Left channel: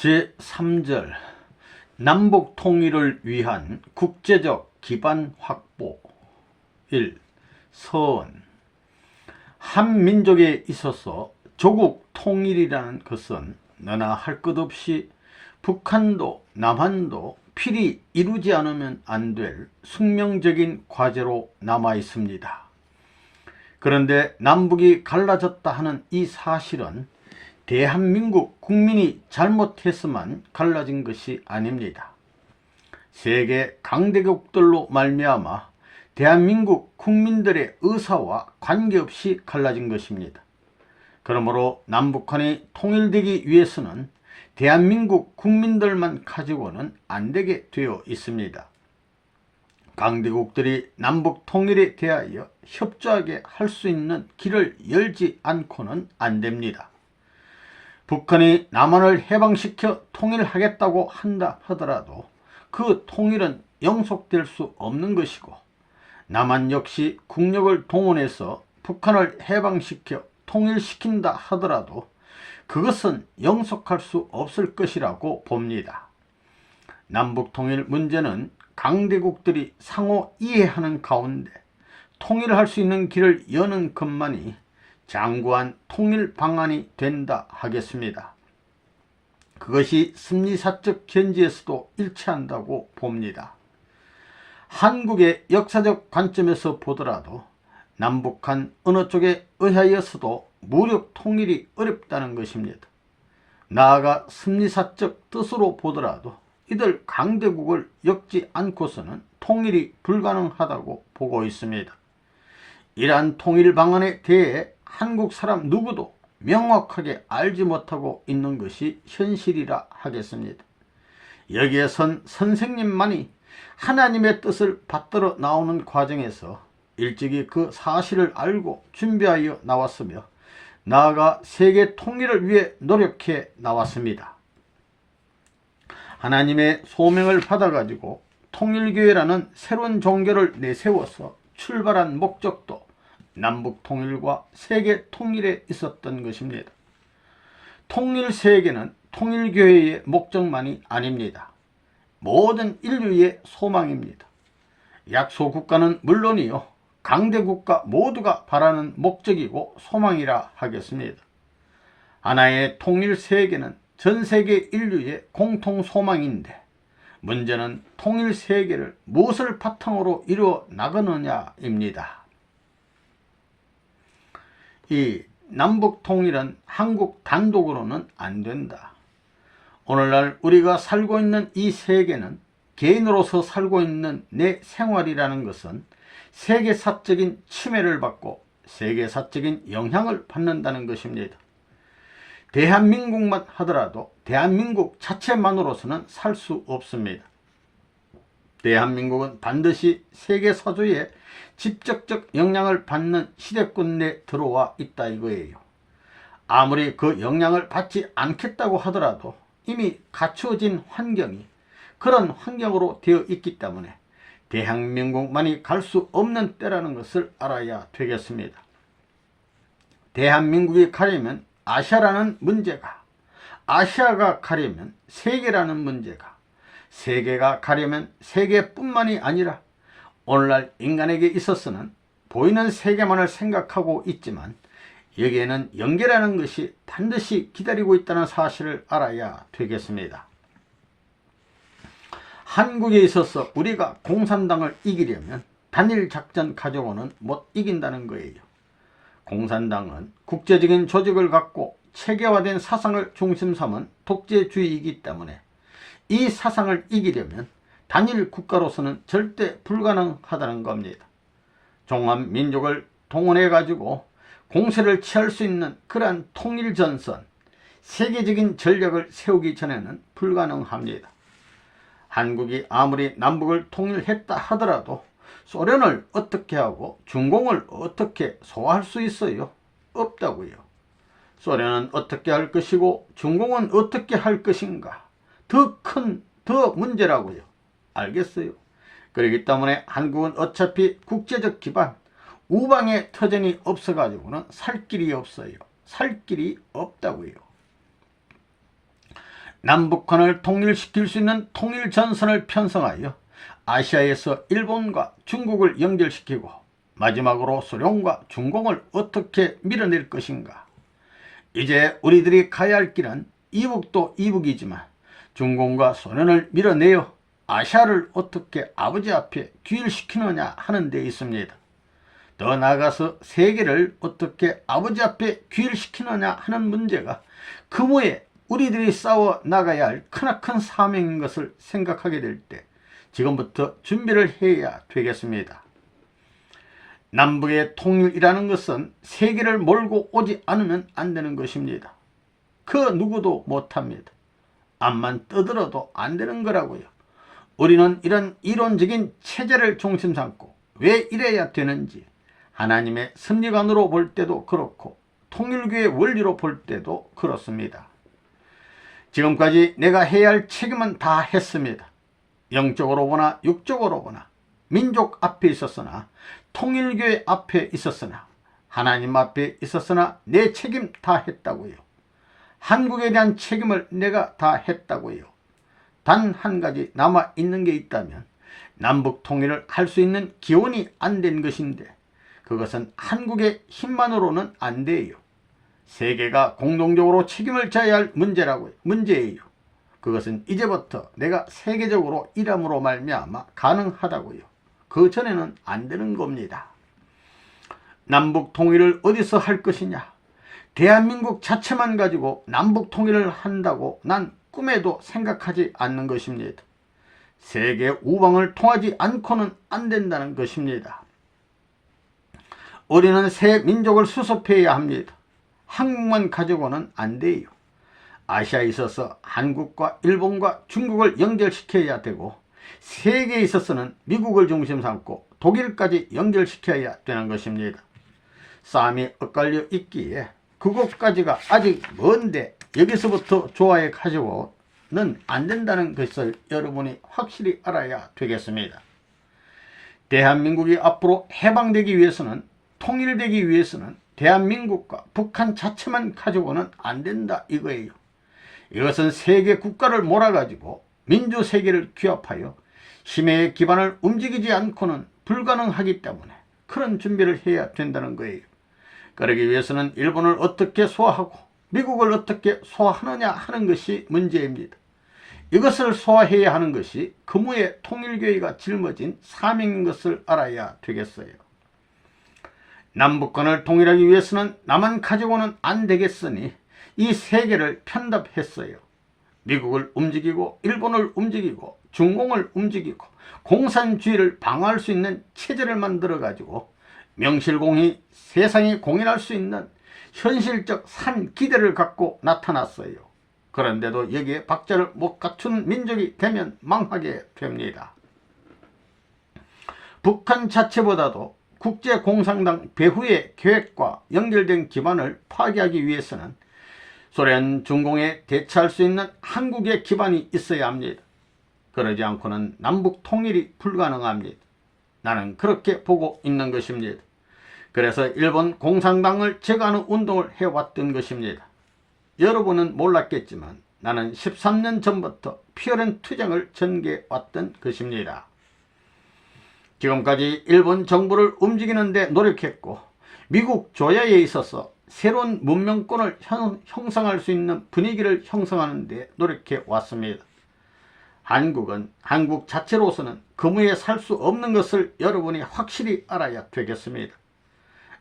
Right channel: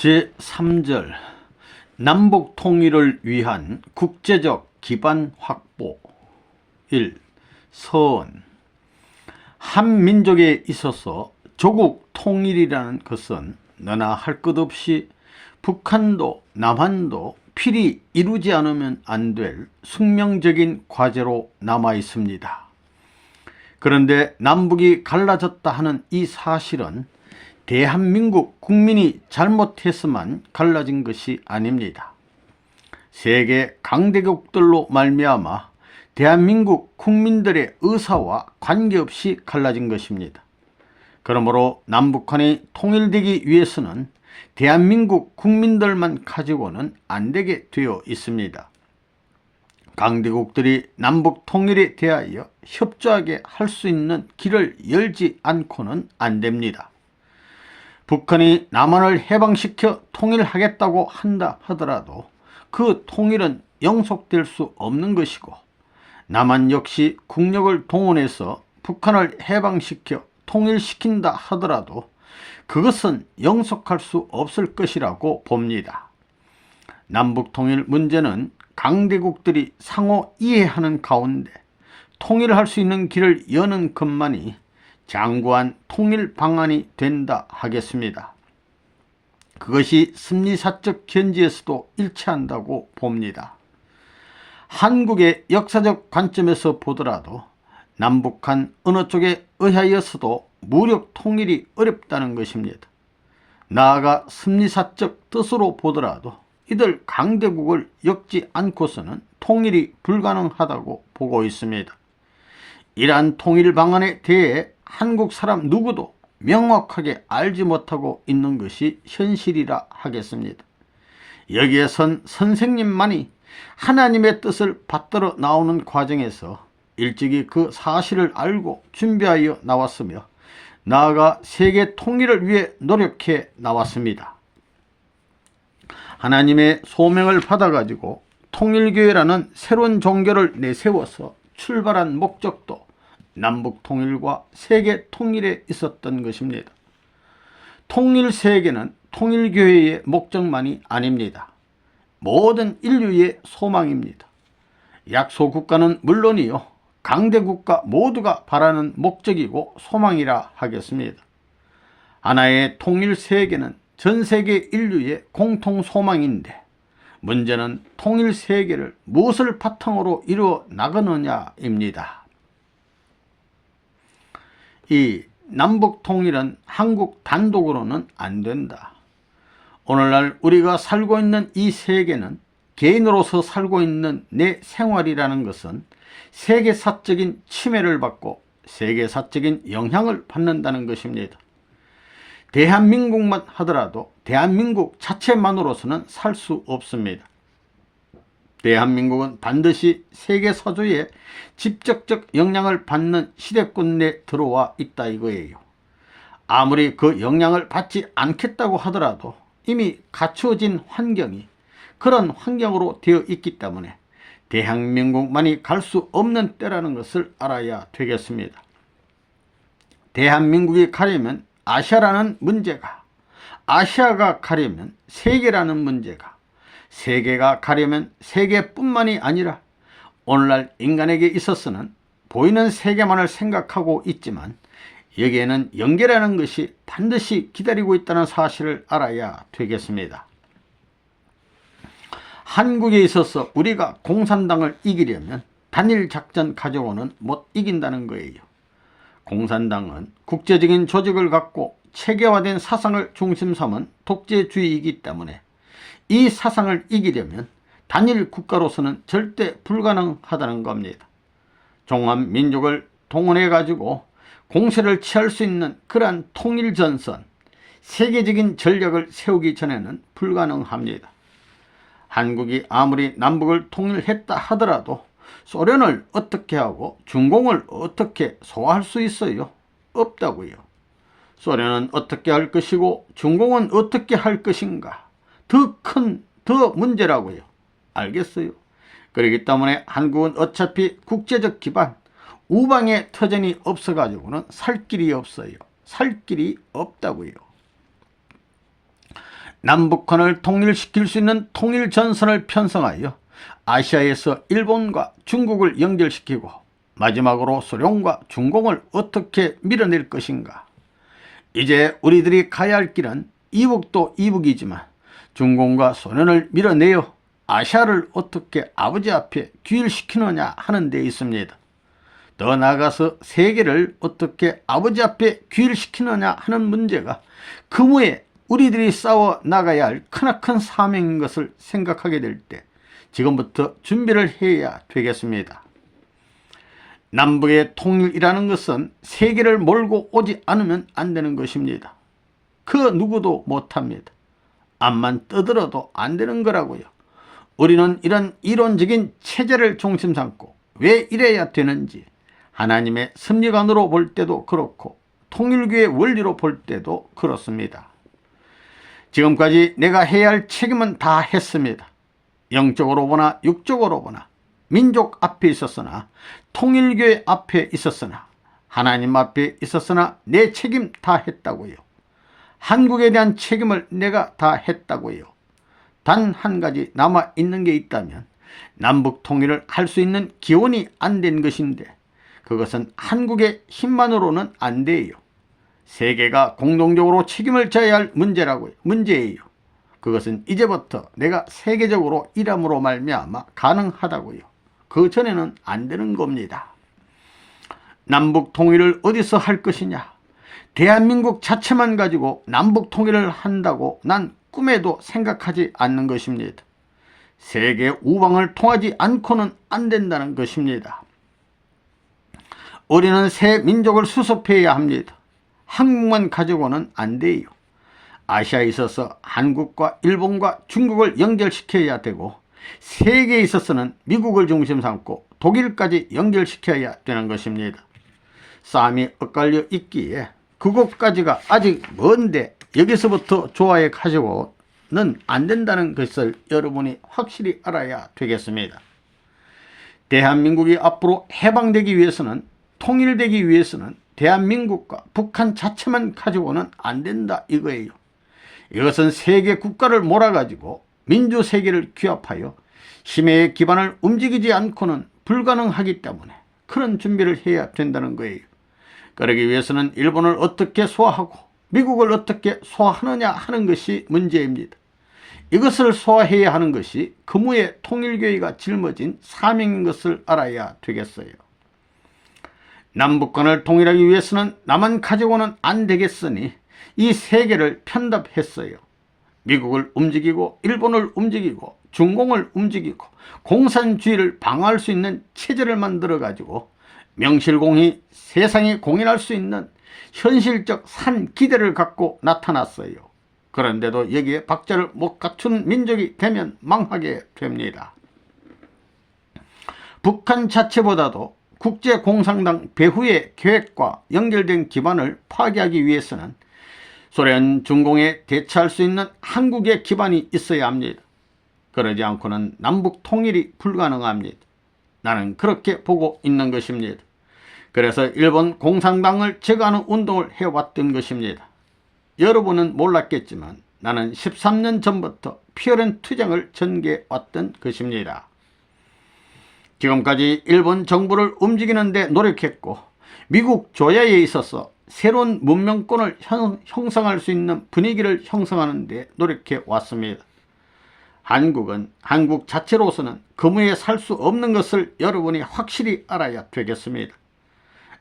제3절 남북 통일을 위한 국제적 기반 확보. 1. 서원. 한 민족에 있어서 조국 통일이라는 것은 너나 할 것 없이 북한도 남한도 필히 이루지 않으면 안 될 숙명적인 과제로 남아 있습니다. 그런데 남북이 갈라졌다 하는 이 사실은 대한민국 국민이 잘못해서만 갈라진 것이 아닙니다. 세계 강대국들로 말미암아 대한민국 국민들의 의사와 관계없이 갈라진 것입니다. 그러므로 남북한이 통일되기 위해서는 대한민국 국민들만 가지고는 안 되게 되어 있습니다. 강대국들이 남북 통일에 대하여 협조하게 할 수 있는 길을 열지 않고는 안 됩니다. 북한이 남한을 해방시켜 통일하겠다고 한다 하더라도 그 통일은 영속될 수 없는 것이고, 남한 역시 국력을 동원해서 북한을 해방시켜 통일시킨다 하더라도 그것은 영속할 수 없을 것이라고 봅니다. 남북통일 문제는 강대국들이 상호 이해하는 가운데 통일할 수 있는 길을 여는 것만이 장구한 통일 방안이 된다 하겠습니다. 그것이 심리사적 견지에서도 일치한다고 봅니다. 한국의 역사적 관점에서 보더라도 남북한 어느 쪽에 의하여서도 무력 통일이 어렵다는 것입니다. 나아가 심리사적 뜻으로 보더라도 이들 강대국을 엮지 않고서는 통일이 불가능하다고 보고 있습니다. 이러한 통일 방안에 대해 한국 사람 누구도 명확하게 알지 못하고 있는 것이 현실이라 하겠습니다. 여기에선 선생님만이 하나님의 뜻을 받들어 나오는 과정에서 일찍이 그 사실을 알고 준비하여 나왔으며, 나아가 세계 통일을 위해 노력해 나왔습니다. 하나님의 소명을 받아가지고 통일교회라는 새로운 종교를 내세워서 출발한 목적도 남북 통일과 세계 통일에 있었던 것입니다. 통일 세계는 통일교회의 목적만이 아닙니다. 모든 인류의 소망입니다. 약소국가는 물론이요, 강대국가 모두가 바라는 목적이고 소망이라 하겠습니다. 하나의 통일 세계는 전 세계 인류의 공통 소망인데, 문제는 통일 세계를 무엇을 바탕으로 이루어 나가느냐입니다. 이 남북 통일은 한국 단독으로는 안 된다. 오늘날 우리가 살고 있는 이 세계는, 개인으로서 살고 있는 내 생활이라는 것은 세계사적인 침해를 받고 세계사적인 영향을 받는다는 것입니다. 대한민국만 하더라도 대한민국 자체만으로서는 살 수 없습니다. 대한민국은 반드시 세계사주에 직접적 영향을 받는 시대권 내 들어와 있다 이거예요. 아무리 그 영향을 받지 않겠다고 하더라도 이미 갖추어진 환경이 그런 환경으로 되어 있기 때문에 대한민국만이 갈 수 없는 때라는 것을 알아야 되겠습니다. 대한민국이 가려면 아시아라는 문제가, 아시아가 가려면 세계라는 문제가, 세계가 가려면 세계뿐만이 아니라 오늘날 인간에게 있어서는 보이는 세계만을 생각하고 있지만 여기에는 연계라는 것이 반드시 기다리고 있다는 사실을 알아야 되겠습니다. 한국에 있어서 우리가 공산당을 이기려면 단일 작전 가지고는 못 이긴다는 거예요. 공산당은 국제적인 조직을 갖고 체계화된 사상을 중심 삼은 독재주의이기 때문에 이 사상을 이기려면 단일 국가로서는 절대 불가능하다는 겁니다. 종합민족을 동원해 가지고 공세를 취할 수 있는 그러한 통일전선, 세계적인 전략을 세우기 전에는 불가능합니다. 한국이 아무리 남북을 통일했다 하더라도 소련을 어떻게 하고 중공을 어떻게 소화할 수 있어요? 없다고요. 소련은 어떻게 할 것이고 중공은 어떻게 할 것인가? 더 문제라고요. 알겠어요? 그렇기 때문에 한국은 어차피 국제적 기반, 우방의 터전이 없어가지고는 살 길이 없어요. 살 길이 없다고요. 남북한을 통일시킬 수 있는 통일전선을 편성하여 아시아에서 일본과 중국을 연결시키고 마지막으로 소련과 중공을 어떻게 밀어낼 것인가. 이제 우리들이 가야 할 길은 이북도 이북이지만 중공과 소련을 밀어내어 아시아를 어떻게 아버지 앞에 귀일시키느냐 하는 데 있습니다. 더 나아가서 세계를 어떻게 아버지 앞에 귀일시키느냐 하는 문제가 그무에 우리들이 싸워 나가야 할 크나큰 사명인 것을 생각하게 될 때 지금부터 준비를 해야 되겠습니다. 남북의 통일이라는 것은 세계를 몰고 오지 않으면 안 되는 것입니다. 그 누구도 못합니다. 암만 떠들어도 안 되는 거라고요. 우리는 이런 이론적인 체제를 중심 삼고 왜 이래야 되는지 하나님의 섭리관으로 볼 때도 그렇고 통일교의 원리로 볼 때도 그렇습니다. 지금까지 내가 해야 할 책임은 다 했습니다. 영적으로 보나 육적으로 보나 민족 앞에 있었으나 통일교회 앞에 있었으나 하나님 앞에 있었으나 내 책임 다 했다고요. 한국에 대한 책임을 내가 다 했다고요. 단 한 가지 남아있는 게 있다면 남북 통일을 할 수 있는 기원이 안 된 것인데 그것은 한국의 힘만으로는 안 돼요. 세계가 공동적으로 책임을 져야 할 문제예요. 그것은 이제부터 내가 세계적으로 일함으로 말미암아 가능하다고요. 그 전에는 안 되는 겁니다. 남북 통일을 어디서 할 것이냐? 대한민국 자체만 가지고 남북 통일을 한다고 난 꿈에도 생각하지 않는 것입니다. 세계 우방을 통하지 않고는 안 된다는 것입니다. 우리는 새 민족을 수습해야 합니다. 한국만 가지고는 안 돼요. 아시아에 있어서 한국과 일본과 중국을 연결시켜야 되고 세계에 있어서는 미국을 중심 삼고 독일까지 연결시켜야 되는 것입니다. 싸움이 엇갈려 있기에 그곳까지가 아직 먼데 여기서부터 좋아해 가지고는 안 된다는 것을 여러분이 확실히 알아야 되겠습니다. 대한민국이 앞으로 해방되기 위해서는 통일되기 위해서는 대한민국과 북한 자체만 가지고는 안 된다 이거예요. 이것은 세계 국가를 몰아가지고 민주세계를 규합하여 힘의 기반을 움직이지 않고는 불가능하기 때문에 그런 준비를 해야 된다는 거예요. 그러기 위해서는 일본을 어떻게 소화하고 미국을 어떻게 소화하느냐 하는 것이 문제입니다. 이것을 소화해야 하는 것이 그무의 통일교회가 짊어진 사명인 것을 알아야 되겠어요. 남북한을 통일하기 위해서는 나만 가지고는 안 되겠으니 이 세계를 편답했어요. 미국을 움직이고 일본을 움직이고 중공을 움직이고 공산주의를 방어할 수 있는 체제를 만들어 가지고 명실공히 세상이 공인할 수 있는 현실적 산기대를 갖고 나타났어요. 그런데도 여기에 박자를 못 갖춘 민족이 되면 망하게 됩니다. 북한 자체보다도 국제공산당 배후의 계획과 연결된 기반을 파괴하기 위해서는 소련, 중공에 대처할 수 있는 한국의 기반이 있어야 합니다. 그러지 않고는 남북 통일이 불가능합니다. 나는 그렇게 보고 있는 것입니다. 그래서 일본 공산당을 제거하는 운동을 해왔던 것입니다. 여러분은 몰랐겠지만 나는 13년 전부터 피어른 투쟁을 전개해왔던 것입니다. 지금까지 일본 정부를 움직이는 데 노력했고 미국 조야에 있어서 새로운 문명권을 형성할 수 있는 분위기를 형성하는 데 노력해 왔습니다. 한국은 한국 자체로서는 그무에 살 수 없는 것을 여러분이 확실히 알아야 되겠습니다.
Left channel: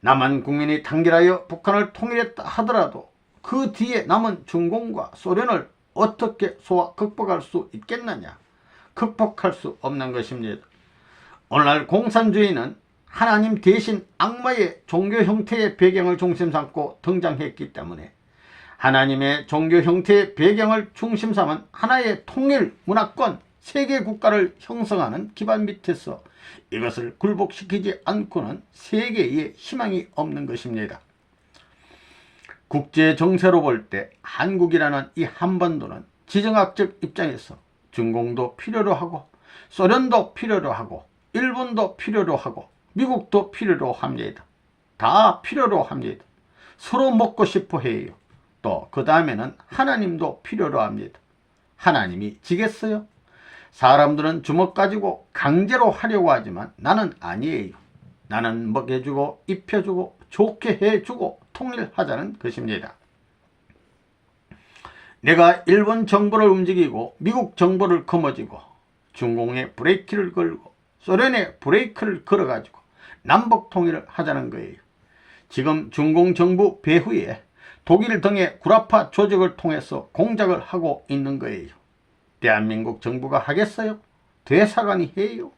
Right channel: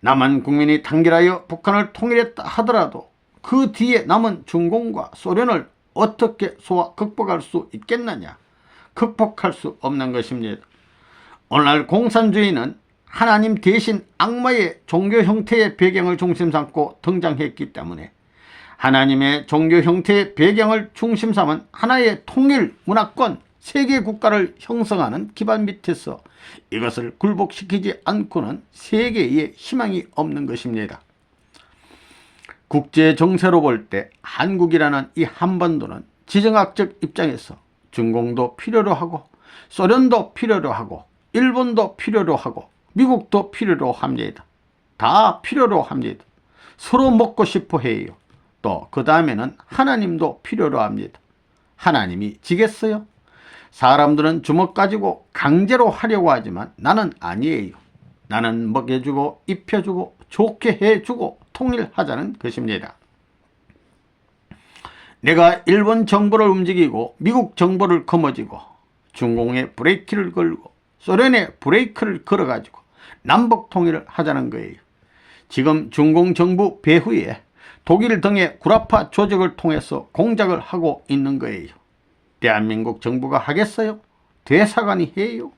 남한 국민이 단결하여 북한을 통일했다 하더라도 그 뒤에 남은 중공과 소련을 어떻게 극복할 수 있겠느냐? 극복할 수 없는 것입니다. 오늘날 공산주의는 하나님 대신 악마의 종교 형태의 배경을 중심 삼고 등장했기 때문에 하나님의 종교 형태의 배경을 중심 삼은 하나의 통일 문화권 세계 국가를 형성하는 기반 밑에서 이것을 굴복시키지 않고는 세계에 희망이 없는 것입니다. 국제 정세로 볼 때 한국이라는 이 한반도는 지정학적 입장에서 중공도 필요로 하고 소련도 필요로 하고 일본도 필요로 하고 미국도 필요로 합니다. 다 필요로 합니다. 서로 먹고 싶어 해요. 또 그 다음에는 하나님도 필요로 합니다. 하나님이 지겠어요? 사람들은 주먹 가지고 강제로 하려고 하지만 나는 아니에요. 나는 먹여주고 입혀주고 좋게 해주고 통일하자는 것입니다. 내가 일본 정부를 움직이고 미국 정부를 거머쥐고 중공에 브레이크를 걸고 소련에 브레이크를 걸어가지고 남북 통일을 하자는 거예요. 지금 중공 정부 배후에 독일 등의 구라파 조직을 통해서 공작을 하고 있는 거예요. 대한민국 정부가 하겠어요? 대사관이 해요?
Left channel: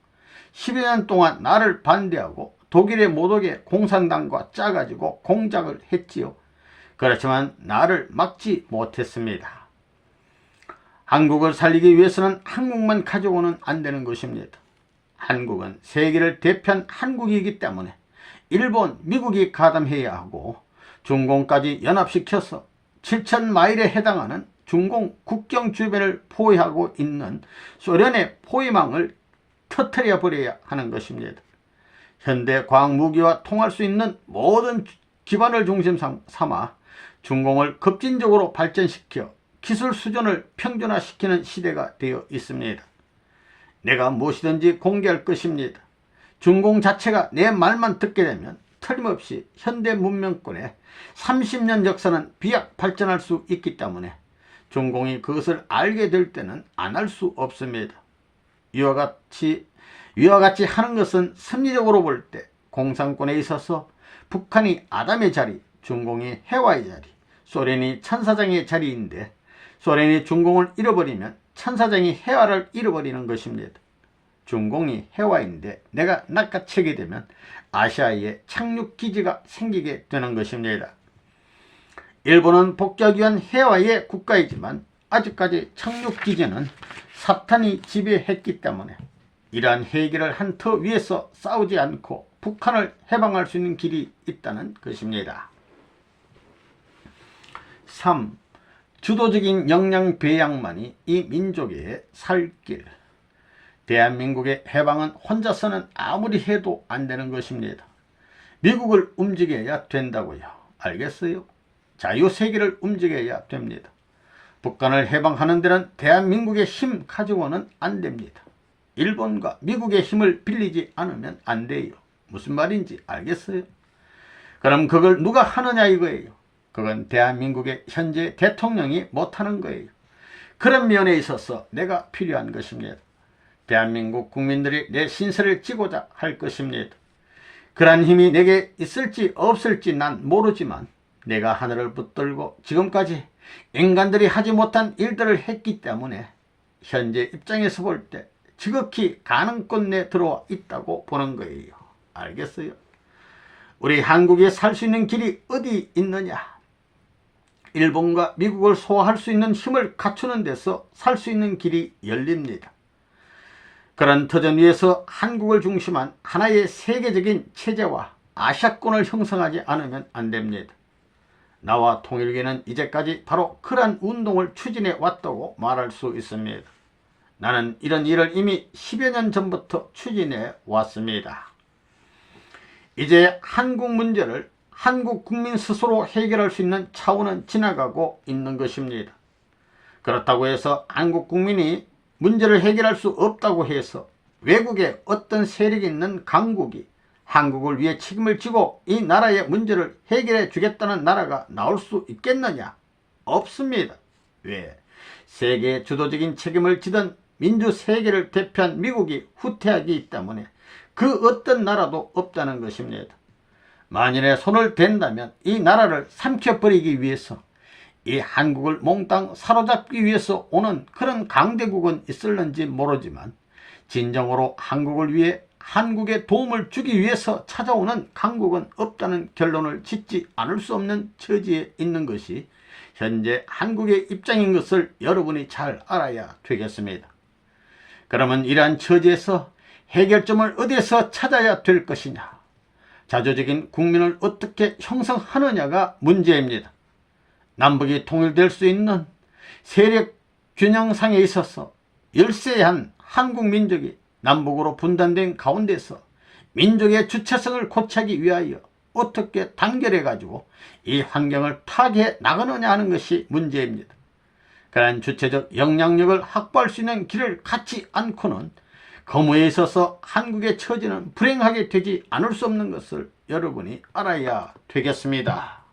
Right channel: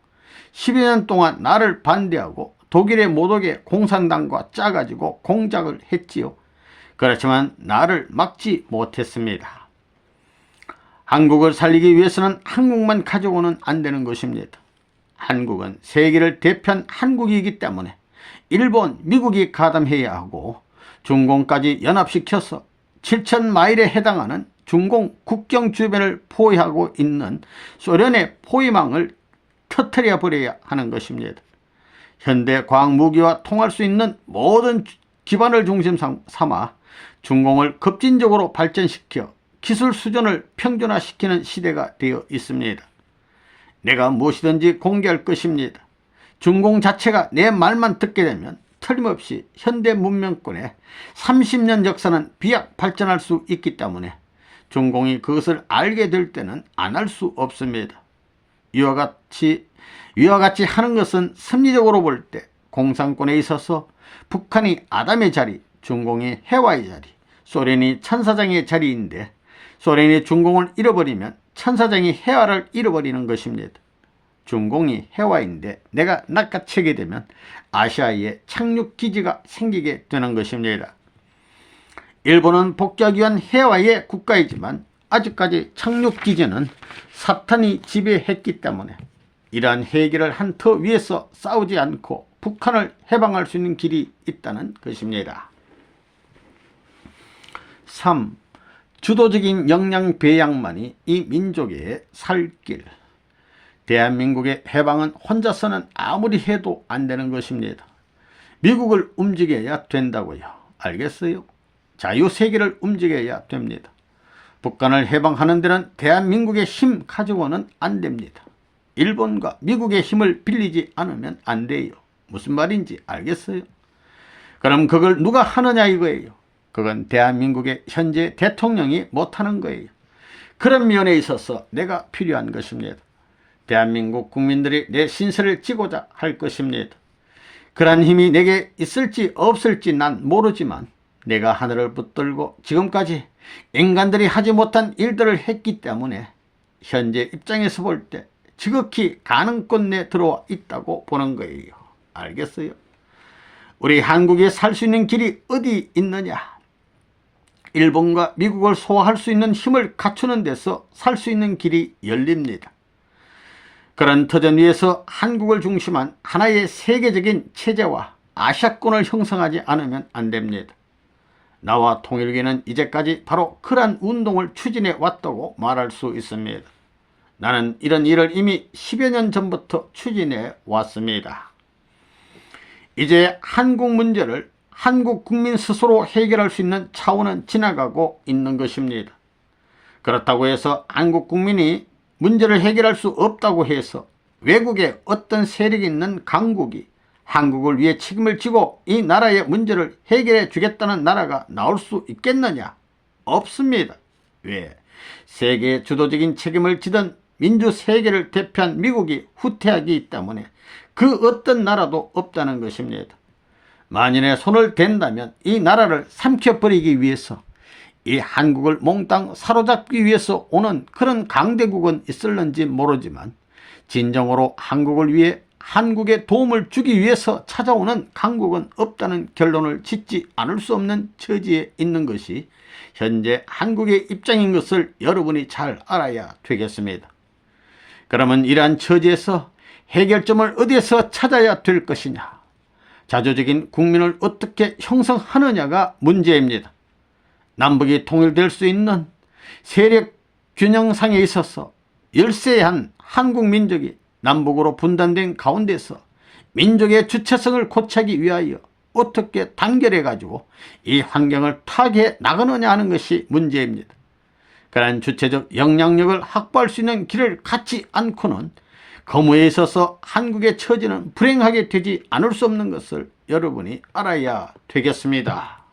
10여 년 동안 나를 반대하고 독일의 못 오게 공산당과 짜가지고 공작을 했지요. 그렇지만 나를 막지 못했습니다. 한국을 살리기 위해서는 한국만 가지고는 안 되는 것입니다. 한국은 세계를 대표한 한국이기 때문에 일본, 미국이 가담해야 하고 중공까지 연합시켜서 7,000마일에 해당하는 중공 국경 주변을 포위하고 있는 소련의 포위망을 터뜨려 버려야 하는 것입니다. 현대 과학 무기와 통할 수 있는 모든 기반을 중심 삼아 중공을 급진적으로 발전시켜 기술 수준을 평준화시키는 시대가 되어 있습니다. 내가 무엇이든지 공개할 것입니다. 중공 자체가 내 말만 듣게 되면 틀림없이 현대 문명권의 30년 역사는 비약 발전할 수 있기 때문에 중공이 그것을 알게 될 때는 안 할 수 없습니다. 이와 같이 하는 것은 심리적으로 볼 때 공산권에 있어서 북한이 아담의 자리, 중공이 해와의 자리, 소련이 천사장의 자리인데 소련이 중공을 잃어버리면 천사장이 해와를 잃어버리는 것입니다. 중공이 해와인데 내가 낚아채게 되면 아시아에 착륙기지가 생기게 되는 것입니다. 일본은 복귀하기 위한 해와의 국가이지만 아직까지 착륙기지는 사탄이 지배했기 때문에 이러한 해결을 한 터 위에서 싸우지 않고 북한을 해방할 수 있는 길이 있다는 것입니다. 3. 주도적인 역량 배양만이 이 민족의 살 길. 대한민국의 해방은 혼자서는 아무리 해도 안 되는 것입니다. 미국을 움직여야 된다고요. 알겠어요? 자유세계를 움직여야 됩니다. 북한을 해방하는 데는 대한민국의 힘 가지고는 안 됩니다. 일본과 미국의 힘을 빌리지 않으면 안 돼요. 무슨 말인지 알겠어요? 그럼 그걸 누가 하느냐 이거예요. 그건 대한민국의 현재 대통령이 못하는 거예요. 그런 면에 있어서 내가 필요한 것입니다. 대한민국 국민들이 내 신세를 지고자 할 것입니다. 그러한 힘이 내게 있을지 없을지 난 모르지만 내가 하늘을 붙들고 지금까지 인간들이 하지 못한 일들을 했기 때문에 현재 입장에서 볼 때 지극히 가능권 내에 들어와 있다고 보는 거예요. 알겠어요? 우리 한국에 살 수 있는 길이 어디 있느냐? 일본과 미국을 소화할 수 있는 힘을 갖추는 데서 살 수 있는 길이 열립니다. 그런 터전 위에서 한국을 중심한 하나의 세계적인 체제와 아시아권을 형성하지 않으면 안 됩니다. 나와 통일계는 이제까지 바로 그러한 운동을 추진해 왔다고 말할 수 있습니다. 나는 이런 일을 이미 10여 년 전부터 추진해 왔습니다. 이제 한국 문제를 한국 국민 스스로 해결할 수 있는 차원은 지나가고 있는 것입니다. 그렇다고 해서 한국 국민이 문제를 해결할 수 없다고 해서 외국에 어떤 세력이 있는 강국이 한국을 위해 책임을 지고 이 나라의 문제를 해결해 주겠다는 나라가 나올 수 있겠느냐? 없습니다. 왜? 세계의 주도적인 책임을 지던 민주세계를 대표한 미국이 후퇴하기 때문에 그 어떤 나라도 없다는 것입니다. 만일에 손을 댄다면 이 나라를 삼켜버리기 위해서 이 한국을 몽땅 사로잡기 위해서 오는 그런 강대국은 있을는지 모르지만 진정으로 한국을 위해 한국에 도움을 주기 위해서 찾아오는 강국은 없다는 결론을 짓지 않을 수 없는 처지에 있는 것이 현재 한국의 입장인 것을 여러분이 잘 알아야 되겠습니다. 그러면 이러한 처지에서 해결점을 어디에서 찾아야 될 것이냐? 자주적인 국민을 어떻게 형성하느냐가 문제입니다. 남북이 통일될 수 있는 세력 균형상에 있어서 열세한 한국 민족이 남북으로 분단된 가운데서 민족의 주체성을 고치기 위하여 어떻게 단결해 가지고 이 환경을 타개해 나가느냐 하는 것이 문제입니다. 특별한 주체적 영향력을 확보할 수 있는 길을 갖지 않고는 거무에 있어서 한국의 처지는 불행하게 되지 않을 수 없는 것을 여러분이 알아야 되겠습니다.